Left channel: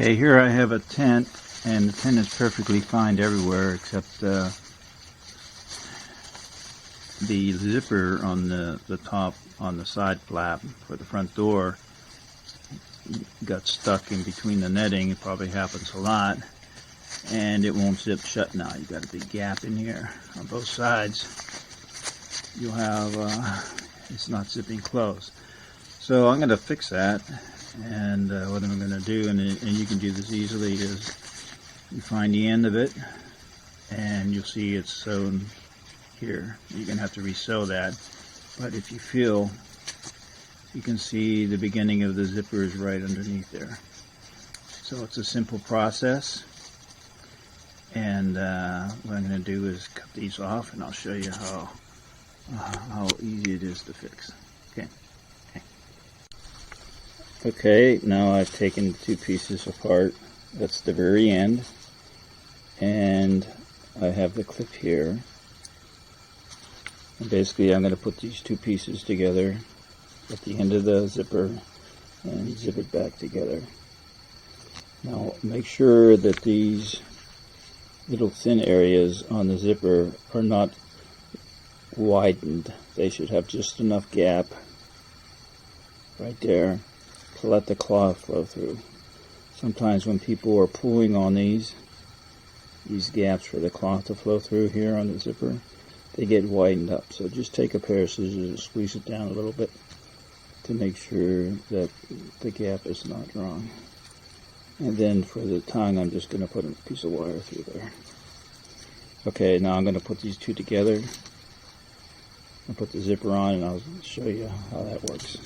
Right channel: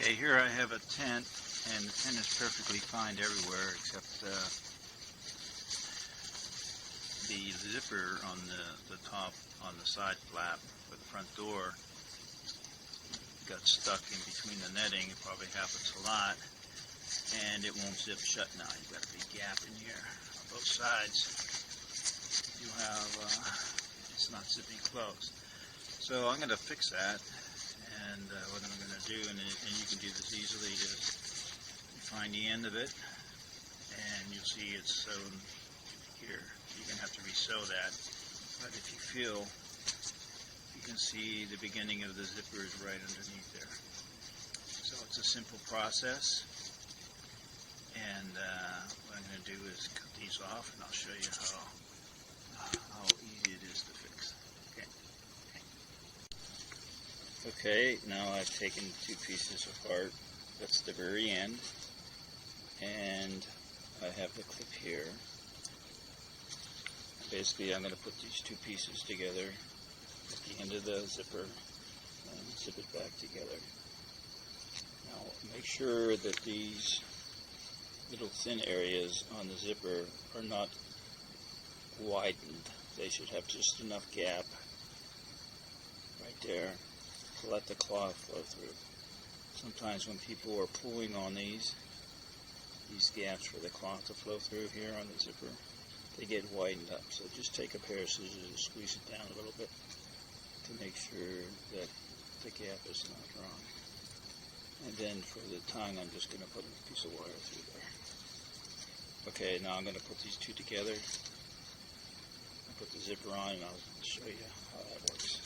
Okay, here I have a tent, and the tent is perfectly fine everywhere except the zipper on the top on the side flap for the front door got stuck in between the netting. It probably happens a lot, and it won't zip shut now. You got a big gap in here on both sides. You'll have it's not zipping closed. So I'm going to fix that, and what I'm going to do, and you can do this easily, is you find the end of it, and you'll see it's sewn here. You're going to have to resew that, but if you feel, you can see the beginning of the zipper is right underneath there. So it's a simple process, and what I'm going to do is cut these off, and I'll show you how easy it is to fix. Okay, now I've taken two pieces apart. That's the very end, and I have the clip here. And basically I'm going to put these two pieces together at the end of the zipper and zip it back together. Now make sure that these little thin areas on the zipper are not widened. They should have just enough gap right there to let the cloth flow through. Sometimes when people are pulling on these gaps for the cloth to flow through here on the zipper, they get widened up. So just take a pair of scissors and squeeze it down a little bit to make sure that the gap is not wrong. And then for the tongue, I'm just going to put a piece of wire through there. Okay, now I'm going to put these two together. I'll put the zipper on, and I'll show you how that works.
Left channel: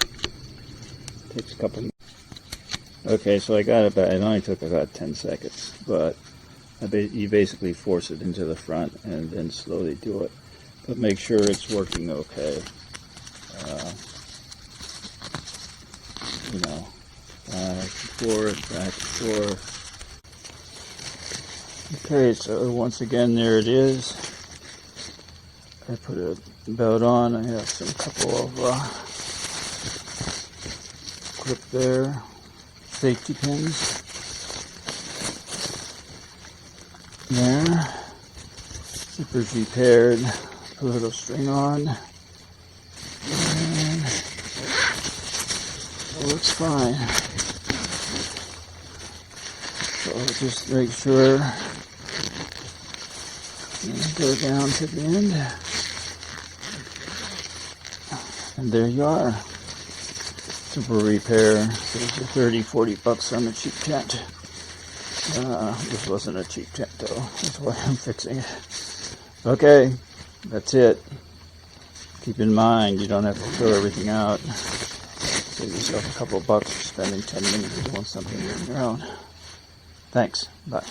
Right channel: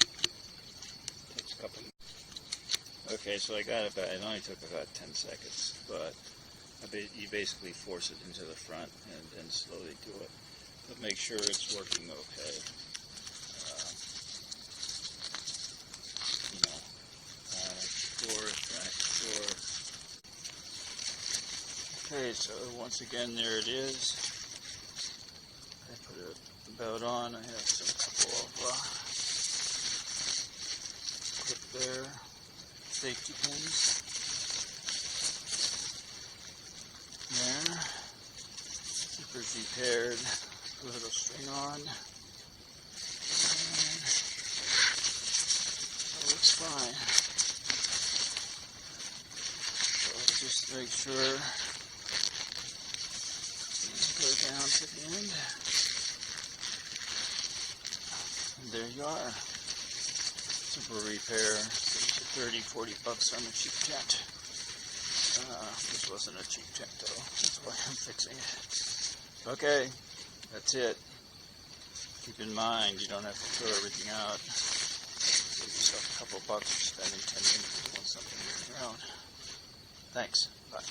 Takes a couple. Okay, so I got about, it only took about 10 seconds, but you basically force it into the front and then slowly do it. But make sure it's working okay. Back and forth. Okay, so once again, there it is. I put a belt on. I have some couple of clip there, safety pins there, zipper's repaired, put a little string on, and it looks fine. So just make sure and go down to the end, and there you are. Simple repair. Saves you $30-40 on a cheap tent. This wasn't a cheap tent though. That's why I'm fixing it. Okay, that's it. Keep in mind, you don't have to throw everything out. Save yourself a couple of bucks for spending 10 minutes doing something on your own. Thanks. Bye.